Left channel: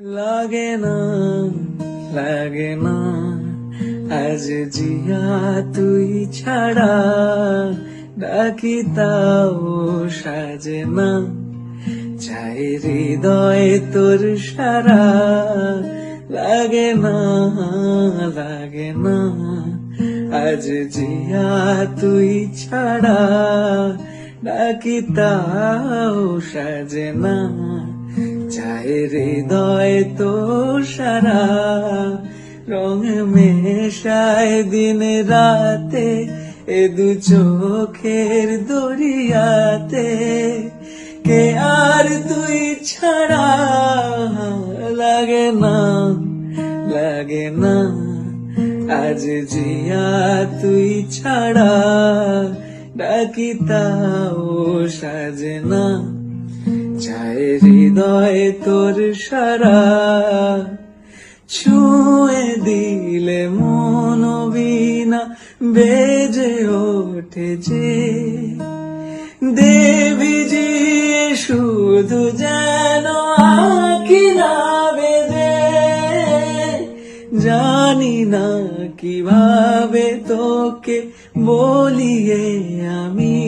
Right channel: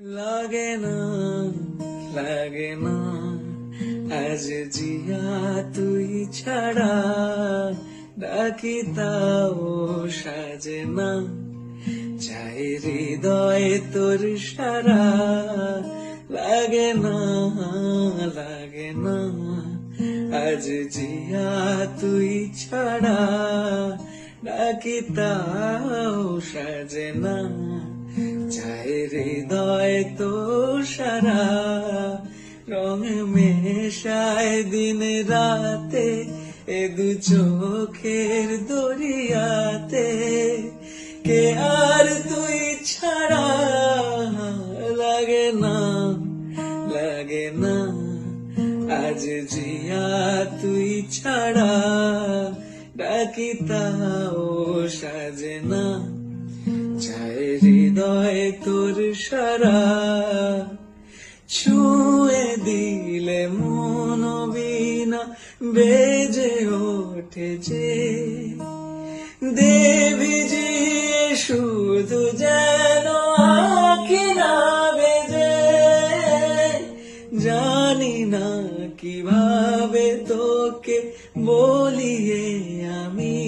লাগে না, লাগে না আজ জিয়া তুই ছাড়া, ডাকি তাও সাজে না, চাই হৃদয় তোর সারা। লাগে না, লাগে না আজ জিয়া তুই ছাড়া, ডাকি তাও সাজে না, চাই হৃদয় তোর সারা। রং মেশায় দিন রাতে এ দু চোখের দরিয়াতে, কে আর তুই ছাড়া। লাগে না, লাগে না আজ জিয়া তুই ছাড়া, ডাকি তাও সাজে না, চাই হৃদয় তোর সারা। ছুঁয়ে দিলে মন বীণা বেজে ওঠে যে, দেবী জি শুধু যেন আঁকি না বেজে। জানি না কিভাবে তোকে বলিয়ে আমি